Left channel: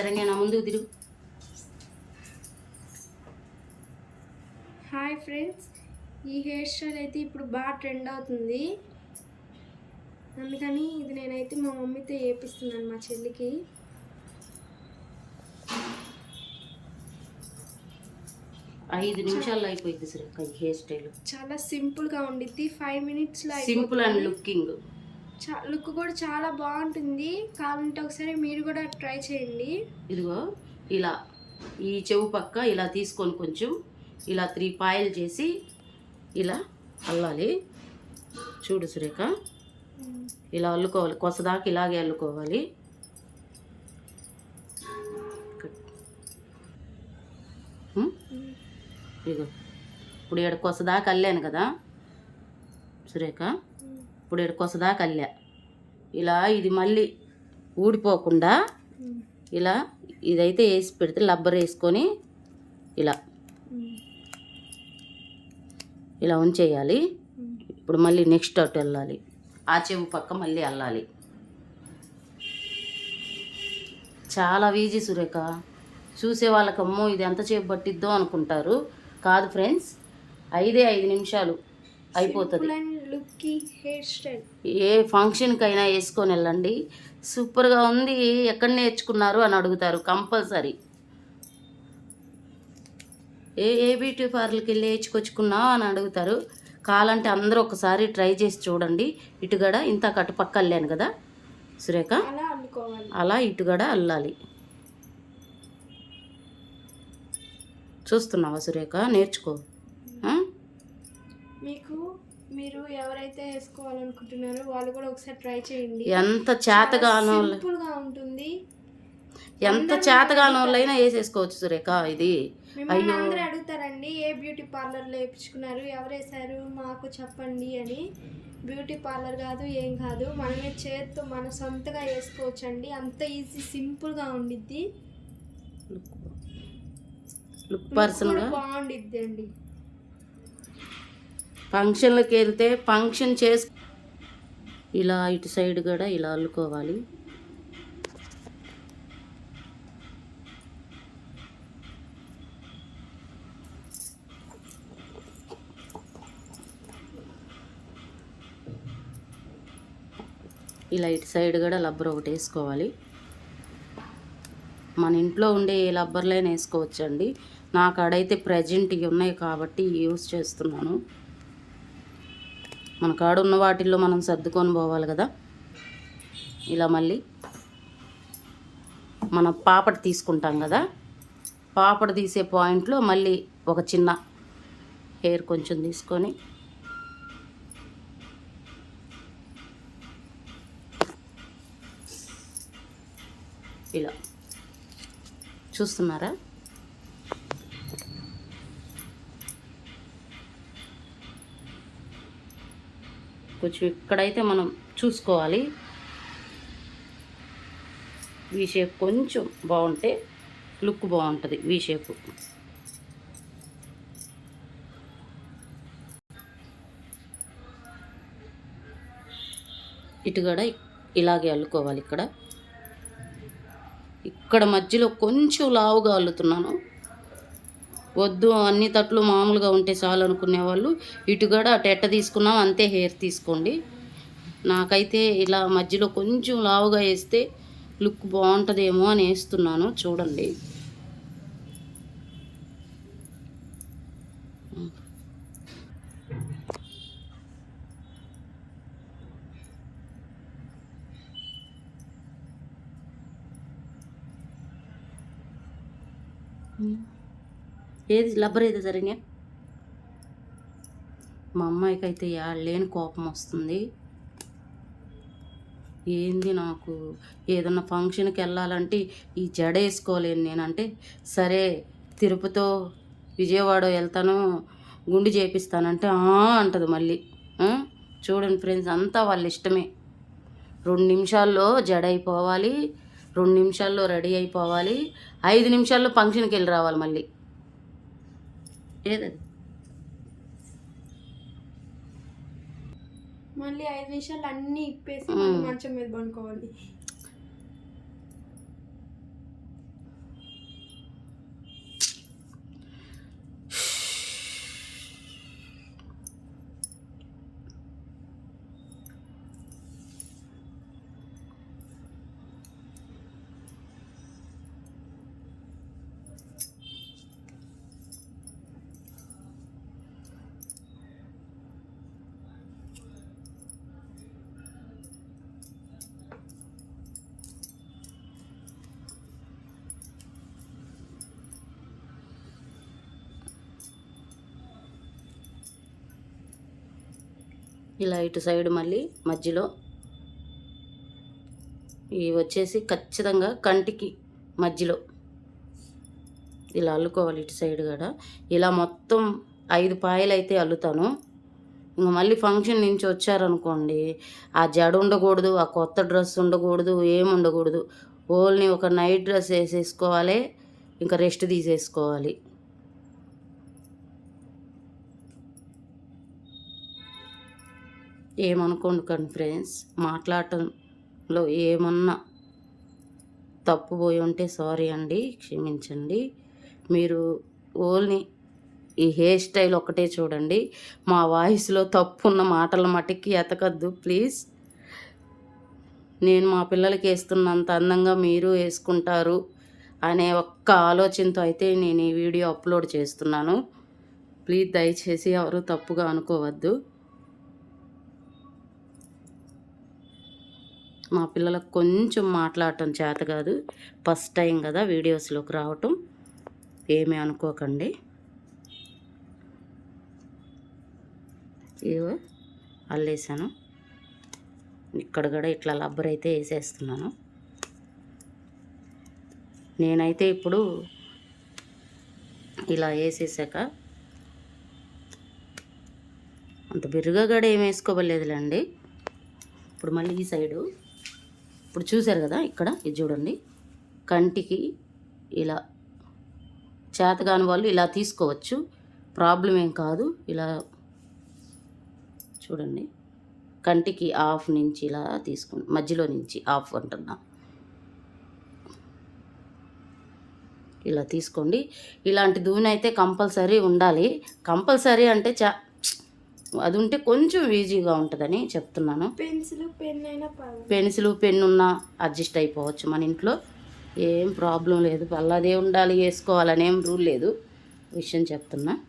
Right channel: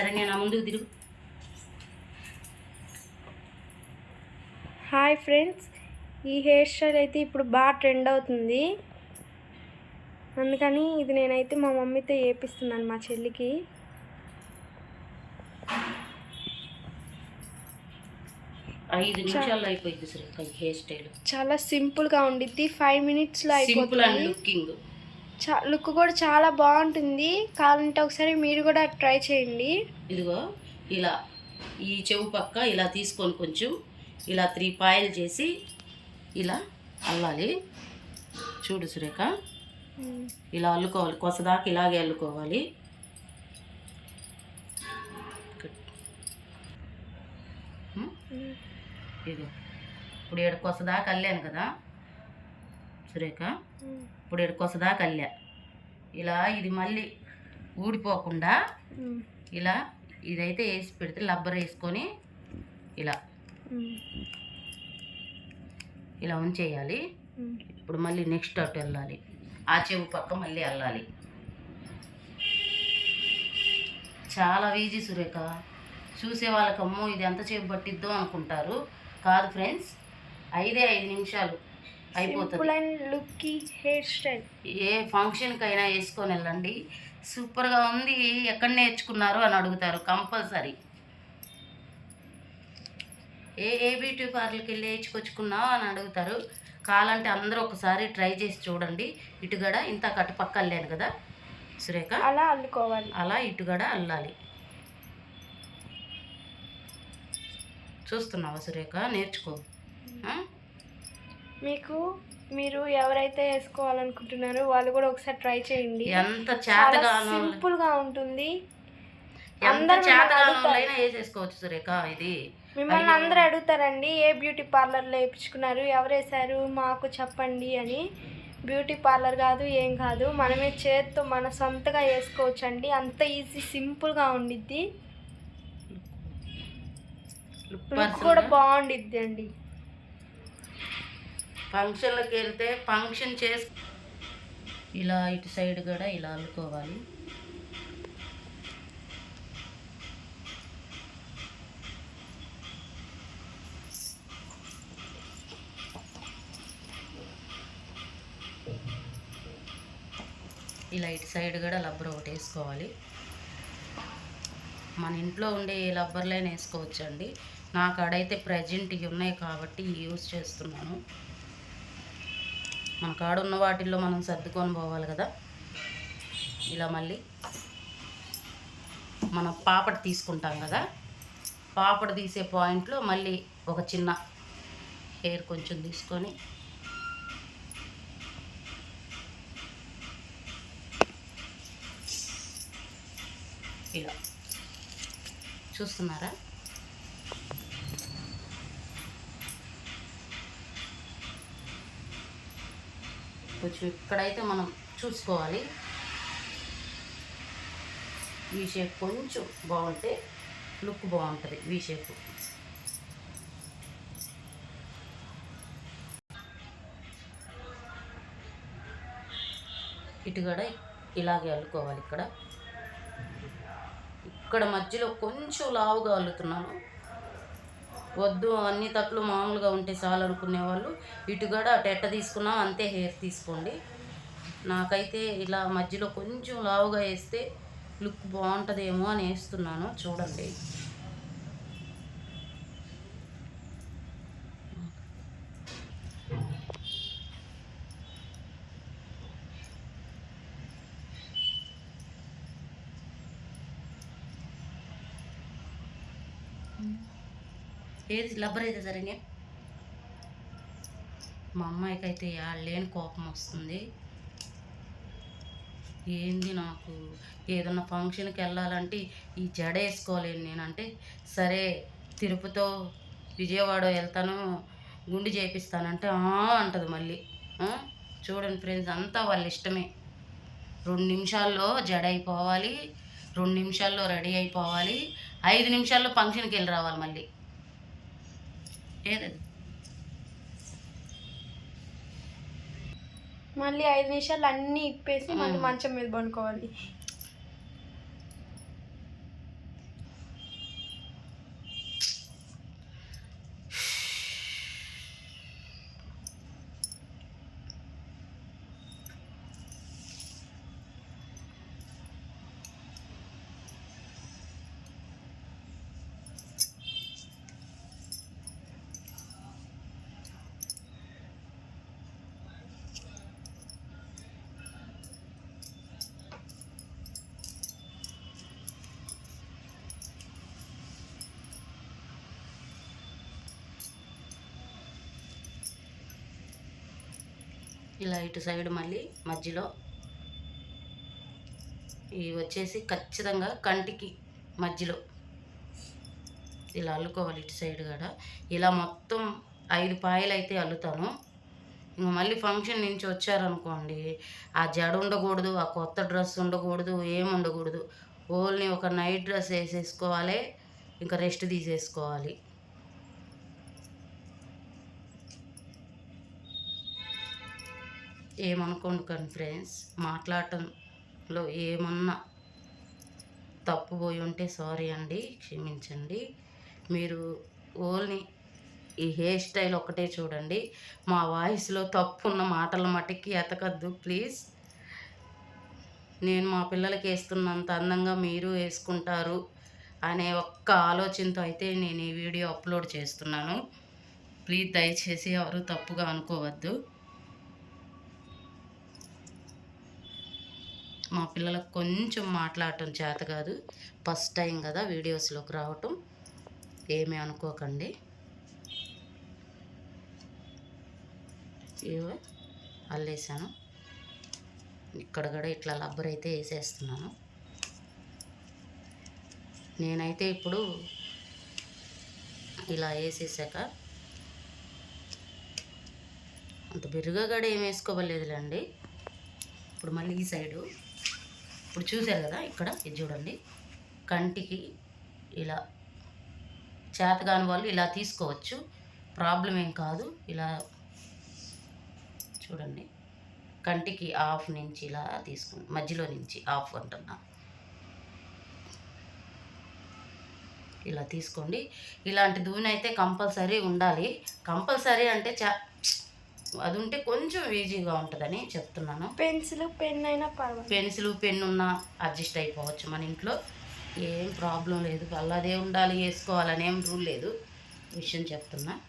శరణ్య నా ముందుకు తిరుగు. హాయ్ ఫ్రెండ్స్ ఈ హెయిర్ స్టైల్ అయితే ఇప్పుడు బాగా ట్రెండ్ అవుతుంది. అందుకని ఇది నేనైతే మా మమ్మీతో చేపిస్తున్నాను మా చెల్లికి. ఐదు నిమిషాల్లో అయిపోయింది సురేఖ ఈ హెయిర్ స్టైల్. చాలా సింపుల్గా ఉండిద్ది. ఫైవ్ మినిట్స్లో సింపుల్ అండ్ లుకింగ్ చా లుక్ కూడా చాలా బాగుంటుంది. కావాలంటే ఒకసారి మీరు కూడా ట్రై చేయండి. ఇదిగో ఇలా ఈ చెవు పక్క ఇలా తీసుకొని కొంచెం ఇలా త్రీ పాయలు చేసి ఇలా అల్లాలి. చూడు సురేఖ ఇలా అల్లుకోవాలి. కొసదాకా ఇలాగే అల్లుకోవాలి. ఇదిగో ఇప్పుడు ఏడు కొసదాకా అల్లాను కదా సురేఖ. ఇప్పుడు ఏడు కొసదాకా అల్లా. ఇలా ఇది మళ్ళీ ఊడిపోకుండా ఇలా ఇదైతే వేసి పెడితే లబ్బర్ వేసుకొని ఇలా. ఇలా ఉంచేయాలి. ఇప్పుడు మళ్ళీ నెక్స్ట్ అటు వెళ్ళాలి. ఆ చెవు పక్క మళ్ళీ వెళ్ళాలి చాలా ఈజీ సురేఖ. చూసే వాళ్ళకి అమ్మో ఇది ఎంత సేపు పట్టిద్దో అనుకుంటారు. కాదు ఫ్రెండ్స్ ఐదే ఐదు నిమిషాలు. అయిపోతుంది. లుక్కీ హెయిర్ స్టైల్. ఏ ఫంక్షన్కైనా వేసుకొని వెళ్ళండి. సూపర్గా ఉంది. ఎక్కడ నేర్చుకున్నారు అని అడుగుతారు కంపల్సరీ. ఏ ఏ బ్యూటీ పార్లర్కి వెళ్ళి వేయించుకొచ్చుకున్నావు అని అడుగుతారు. కావాలంటే అందరూ ఒకసారి ట్రై చేసి చూడండి. ఇటుగడ ఇంత కట్టుపక్క అల్లాను కదా సురేఖ? అలా అల్లుకోవాలి. అలా ఇటుగడ అల్లాలి. చూస్తున్నావా సురేఖ? నేర్చుకో? మీకు మీరు ఎవరైతే వేసుకోవాలనుకుంటున్నారో వాళ్ళు కూడా ఒకసారి ట్రై చేయండి. ఎంత చేతగానో సింపుల్గా ఉంటుంది. ఎంత చేతగానో వేసేసుకోవచ్చు సురేఖ ఇది. మిమ్మల్ని అందరూ అడుగుతారండి ఏ బ్యూటీ పార్లర్లో వేయించుకున్నారు ఎవరు వేశారు మాకు చెప్పండి అని. బ్యూటీ పార్లర్ కాదు ఏం కాదు మనమే చేత్తో మన సొంతగా వేసుకోవచ్చు అండి అంత ఈజీ సింపుల్గా ఉండిద్ది. కూడా బాగుండిద్ది అండి ఫంక్షన్లకు వెళ్తే ఫంక్షన్ చేసు ఇలా ఇటు సైడ్ కూడా ఇలా అల్లుకోవాలి. ఇలా ఇటు సైడ్ కూడా లబ్బర్ ఒకటి వేసుకోవాలి. మన ఇంట్లో ఉండే ఏ లబ్బర్లైనా వేసుకోవచ్చండి. నా కాడైతే ప్రజెంట్ ఇవి ఉన్నాయి కాబట్టి యూస్ చేస్తున్నాను. మన కాడున్న వాటిల్లో మనం సర్దుకొని పోవాలి కదా. ఇలా మళ్ళీ మనం పాపడ తీసుకుంటాం కదా. పాపడ తీసే పాయింట్లో మళ్ళీ ఒక చిన్న హెయిర్ కొంచెం తీసుకొని ఇలా. చూస్తున్నారా? కొంచెం ఇక్కడైతే మనం చూసుకోవాలి. వీ షేప్ కొంచెం బాగుంటే లుక్ బాగుంటుంది వీ షేప్ ఇటు కూడా ఇలాగే అల్లుకోవాలి ఇక్కడ. ఇక్కడ మధ్యలో కొంచెం లావుగా అల్లుతున్నాను. వద్దు అన్ని తట్లు మామూలుగా ఉంటే చాలు అనుకునేవాళ్ళు. ఇటు కూడా టెట్ట తీసుకున్నాం అంతే హెయిర్ తీసుకోండి. నాకైతే ఇలా మధ్యలో కొంచెం లావుగా వేస్తే లుక్ బాగుంటుందేమో అని వేస్తున్నాను చూడండి. Hmm. ఏది లబ్బర్ ఏది సరిగా మా అమ్మాయికి అయితే లేని కోపం వస్తుంది. ఏంది నాకు? ఏదన్నా ఫంక్షన్కి వెళ్ళాలంటే ఈ జడ వేసుకోలేను నేనంటే సరే తిరుపతో విజయవాడ వెళ్తాను గుండు చేపిస్తానంటే అంటది మళ్ళీ. చూడండి ఫ్రెండ్స్ అంతా వాళ్ళ ఇష్టమే. రెండు నిమిషాల్లో జడ అయిపోవాలి రెండు నిమిషాల్లో రెడీ అయిపోవాలి ఐదు నిమిషాల్లో ఫంక్షన్కి వెళ్ళి రావాలి మళ్ళీ. ఏదది మళ్ళీ ఐదు నిమిషాలు అన్నీ ఇప్పేసి మళ్ళీ మంచం మీద పండుకోవాలి. ఇలా ఇటు సైడ్ మళ్ళీ మధ్యలో. ఇవి వచ్చేసి ఖచ్చితంగా కంటికి మధ్యలో. ఇలా అల్లుకోవాలి ఇటు సైడ్ కూడా. ఇలా మొత్తం ఐదు పాయలు అయితే అల్లుతాను. ఇంకా మళ్ళీ ఫంక్షన్ నుంచి వచ్చారనుకోండి ఆ జడ ఉండకూడదు ఆ కొత్త డ్రెస్ ఉండకూడదు ఏం ఉండకూడదు. ఓన్లీ ఒక నైట్ డ్రెస్ వేసేసుకోవాలి ఇంకా రెస్ట్ తీసేసుకోవాలి. ఏమనుకోండి ఫ్రెండ్స్. మాట్లాడటంలో ఏమన్నా తప్పు పోయి ఉంటే సారీ అండి క్షమించండి. మీరు ఓన్లీ ఈ హెయిర్ స్టైల్ ఒకటే చూడండి. మా వాయిస్లో తప్పు ఉన్న మాటల మటుకి ఎతకద్దు ప్లీజ్. నేను మా పిల్లలకి వేస్తున్నంత అందంగా మీరు వేసుకుంటారు అనే ఒక్క ఆలోచనతో అయితే నేను ఈ వీడియో అప్లోడ్ చేస్తున్నాను. ప్లీజ్ దయచేసి ఎవరు తప్పుగా అనుకోవద్దు. మా పిల్లలకు కొంచెం మాట్లాడటం చేత కాదు. ఫస్ట్ టైం కదా వీడియోస్లోకి రావటం. ఏమీ అనుకోకండి. ఇవో అల్లేసాను. ఇక్కడ కూడా ఇట్లా లబ్బర్ అయితే వేసేస్తున్నాను. నేనైతే ఇప్పుడు ఇలా వేసేసాక అంత బిరుగా కూడా ఏం వేసుకోవలేదులేండి ఇప్పుడు మళ్ళీ ఈ సైడు ఇప్పుడు చూశారు కదా ఇక్కడ ఇది చూడండి. కంటికి ఇలా చేతగాని వాళ్ళు ఇలా తీసుకోవచ్చు. ప్రాబ్లం ఏం కాదు. ఇలా చూడండి. కంటికి ఆఫ్ నుంచి ఇలా తీసుకుని మధ్యలో నుంచి ఆఫ్ అంటున్నా. ఇలా తీసుకోండి. ఇలాంటి దూనైతే అయితే కంపల్సరీ ఉండాలి. కంపల్సరీ అంటే చా అది ఉంటే కొంచెం ఈజీగా ఉంటుందని చెప్తున్నాను. పెన్సిల్ పెన్ అయినా పర్వాలేదు. పెన్సిల్ పెన్ను ఉన్నా అడ్జస్ట్ అయిపోవచ్చు మన ఇంట్లో. ఏం ప్రాబ్లం లేదు. అల్లదే ఉండాలి వేసుకోవాలని రూల్ లేదు. విషయం చెప్తున్నా.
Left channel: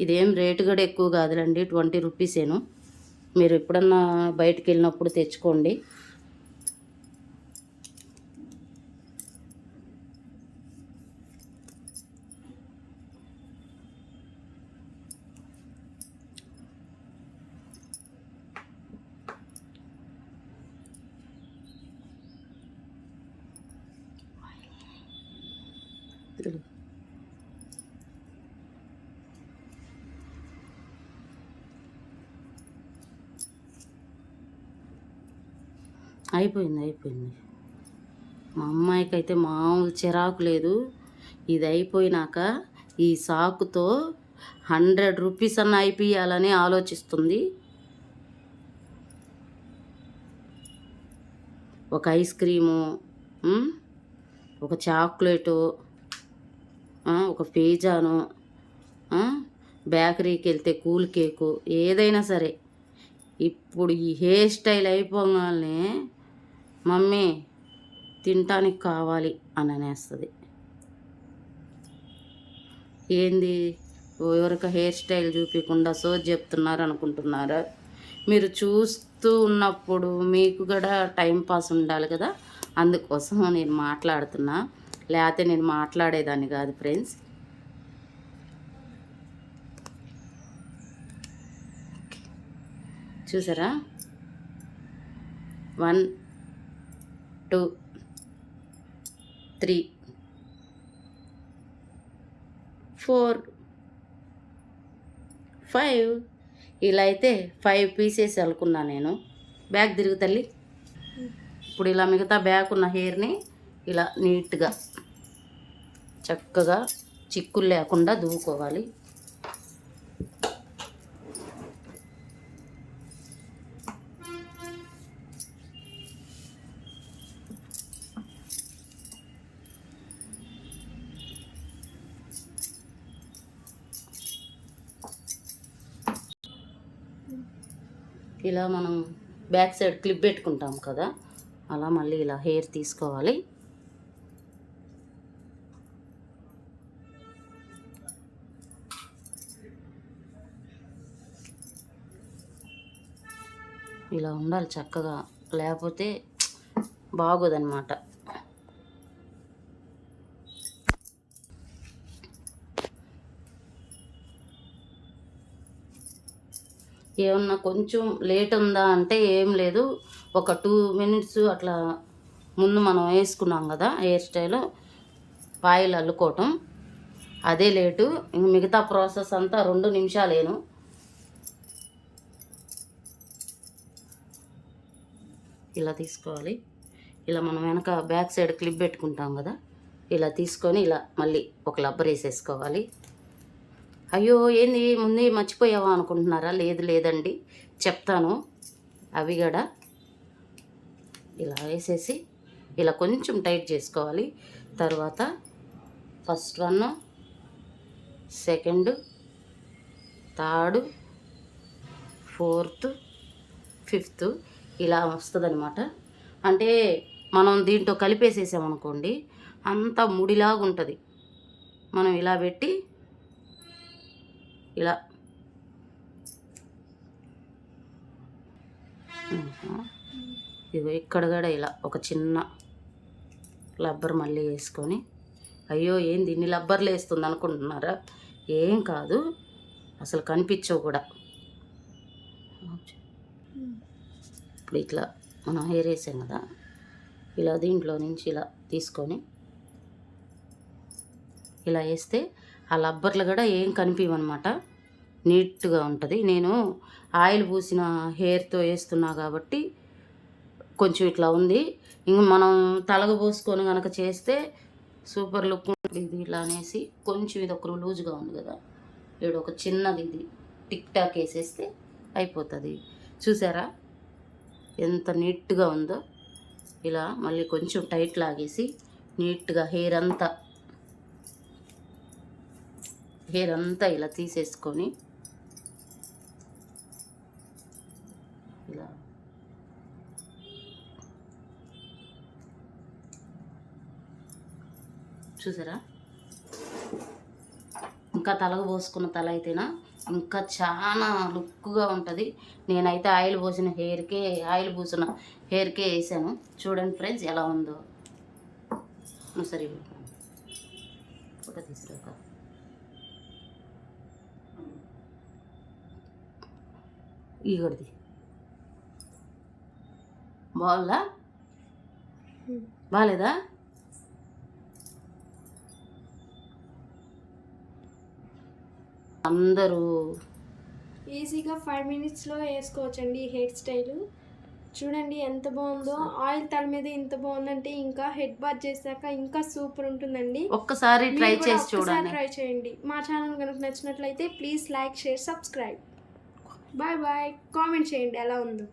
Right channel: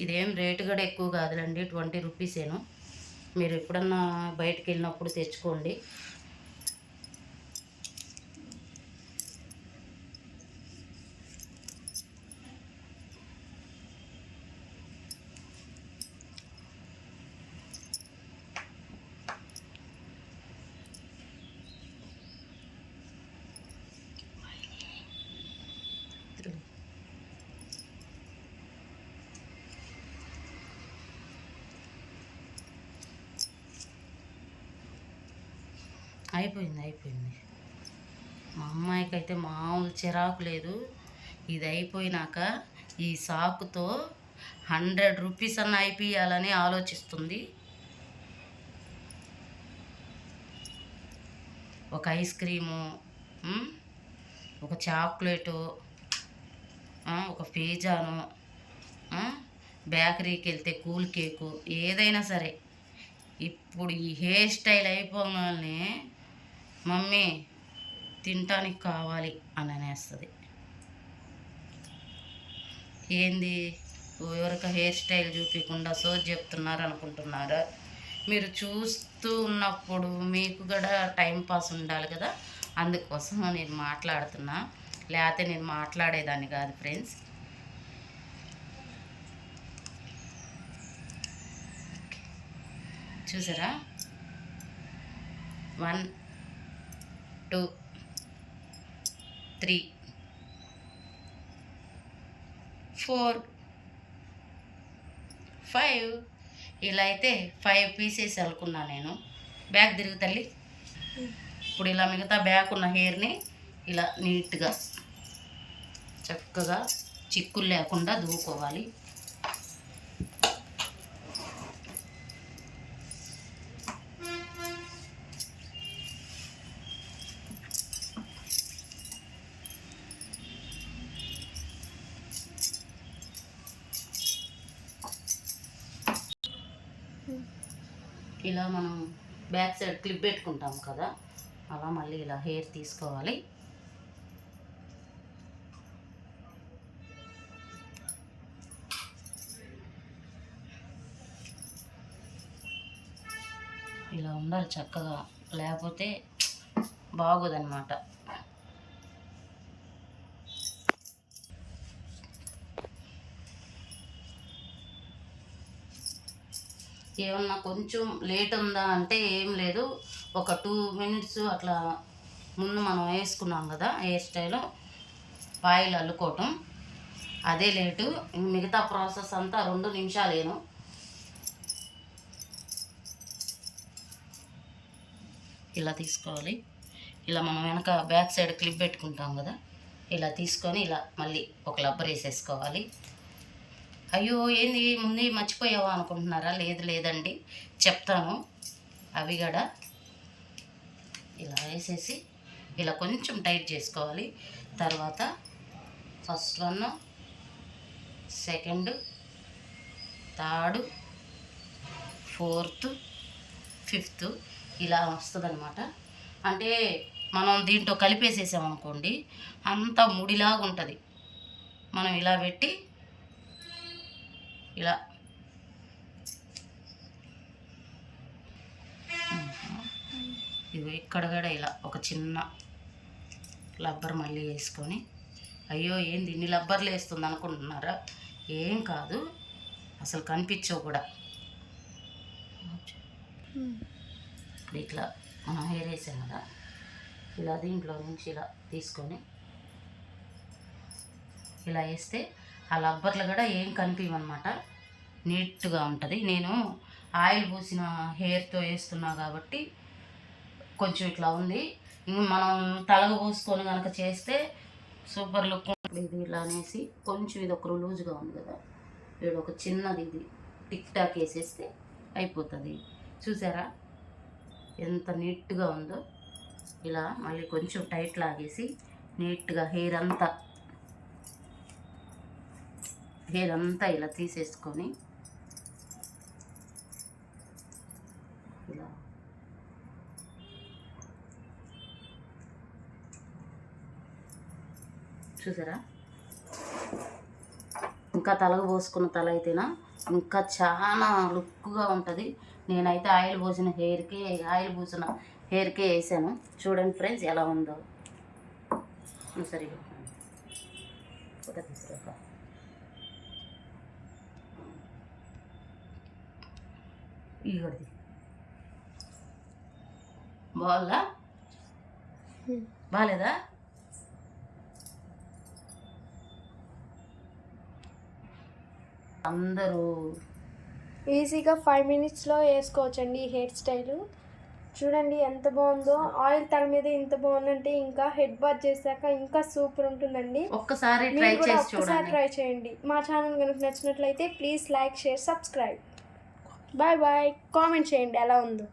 ఇదేం రేటు కూడా ఎక్కువ కాదులండి. ట్వంటీ రూపీసేను. మీరు ఎప్పుడన్నా బయటికి వెళ్ళినప్పుడు తెచ్చుకోండి. తిరుగు. అయిపోయింది అయిపోయింది. మా అమ్మాయికి అయితే మామూలు చిరాకు లేదు. ఇది అయిపోయినాక ఈ సాకుతో హండ్రెడ్ రూపీస్ అన్న అయిపోయాలని ఆలోచిస్తుంది. ఒక ఐస్ క్రీము ఒక చాక్లెటు ఒక పిజ్జాను బేకరీకి వెళ్తే కూల్ కేకు ఏదైనా సరే. ఇప్పుడు ఈ హెయిర్ స్టైల్ అయిపోగానే మమ్మీ తినటానికి కావాలి అని అనేస్తుంది. ఏంది? ఎవరికి హెయిర్ స్టైల్ చూపించకుండా సో చెప్తున్నారు అనుకుంటున్నారా? మీరు చూస్తూ ఉన్నప్పుడు మీకు కూడా టైం పాస్ ఉండాలి కదా? అందుకోసం నేను మాట్లాడుతున్నా. లేకపోతే నేను మాట్లాడేదాన్ని కాదు ఫ్రెండ్స్. చూసారా? One two three four five. ఇలా అయితే ఫైవ్ పీసెస్ అలుకున్నా నేను. బ్యాగ్ తిరుగు తల్లి. ఇప్పుడు ఇలా మిగతా బ్యాగ్ ఉన్న హెయిర్ని ఇలా నీట్గా చక్కగా చిక్కులు లేకుండా దువ్వుకోవాలి. ఇలా మనం బ్యాక్ సైడ్ క్లిప్ పెట్టుకుంటాం కదా అలా మళ్ళీ ఇలా హెయిర్ తీసుకోవాలి. ఇలా ఉండాలి చక్కగా. లేకపోతే బాగోదన్నమాట. ఏమన్నా కొంచెం లేట్ ఉందా అంటే ఏం లేదు. ఒక టూ మినిట్స్ అట్లా ముందు మనం వేసుకున్నాం కదా హెయిర్ స్టైల్. పాయిల్ అల్లుకోవటం. అదే లేటు. ఇంక మిగతా ప్రాసెస్ అంతా రెండు నిమిషాలేను. ఇలా తీసుకోవాలి. ఇలా మనం వెనక బ్యాక్ సైడ్ క్లిప్ పెట్టుకుంటాం కదా ఇలా తీసుకొని ఇలా మళ్ళీ ఒక లబ్బర్ వేసేసుకోవాలి. అయ్యో ఏంది? ముందే మర్చిపోయావా అనుకుంటున్నారా? లేదు లేదండి. చెప్తాను. అవి కూడా ఇలా వేసేసి ఇలా కొంచెం టైట్ చేసుకోవాలి. తర్వాత first one second third fourth fifth ఇలా వస్తుందన్నమాట. అంటే మనం దీంట్లో కలిపేసేసామనుకోండి అంతా ముడిలాగా ఉంటుంది మనం ఇలా పెట్టి ఇలా. ఇవి ఇక్కడ కూడా ఇలా ఒక చిన్న లబ్బర్ మళ్ళీ వేసుకొని. అయ్యో ఏంది ఇన్ని లబ్బర్లు వేస్తుంది అనుకుంటున్నారా ఏం కాదు అసలు కనిపించవు కూడా. ఇప్పుడు ఇట్లా మనం హెయిర్ వేసాం కదా ఇలా దీంట్లో నుంచి ఇలా తీసుకొని ఇలా వేస్తే ఆ లబ్బర్లు కూడా ఏం కనిపించమన్నమాట నీట్గా ఉంటుంది. నేను ఆయిల్ పూసిన హెయిర్తో వేస్తున్నా కాబట్టి కొంచెం ఇట్లా ఉంది. ఇంక మనం తలగ పోసుకొని కనుక చేస్తే సూపర్ లుక్ ఉంటుంది. ఇది ఇలా అనేసి కొంచెం ఇది ఒక లూజ్గా ఉంది కదా ఇక్కడ ఒక చిన్నది ఇది. టిక్ టాక్ వేసేస్తే అయిపోతుంది. చూసారా? ఎంత నీట్గా ఉందో ఇలా మళ్ళీ కొంచెం టైట్ లాగేసి నీట్గా హెయిర్ అంతా హెయిర్ అంతా ఇలా తీసేసుకొని ఇలా చూసారా? ఇంకా తలకు పోసుకున్న తల అయితేనా? ఇంకా చాలా లుక్గా ఉంటుంది. నేనైతే ఆయిల్ పోసిన హెయిర్కే ఆయిల్ పూసిన హెయిర్కే వేసాను. చూడండి ఫ్రెండ్స్ ఎలా ఉందో. సరే ఫోటో తీసుకురాక. ఇగోడిది బాగుందా? బాగాలేదా అందరూ. ఈజీగా ఫైవ్ మినిట్స్లో వేసుకోవచ్చండి ఈ హెయిర్ స్టైల్. చూడండి ఎంత బాగుందో. ఆయిల్ తల మీద ఇంత బాగుందంటే ఇంకా హెడ్ బాత్ చేశాక ఇంకా సూపర్ ఉంటుందండి. ఒక్కసారి ట్రై చేసి ఒక్కసారి ట్రై చేయండి. మా ఛానల్ కనుక నచ్చినట్లయితే please like share subscribe. Bye bye. Comment చేయండి ఎలా ఉందో.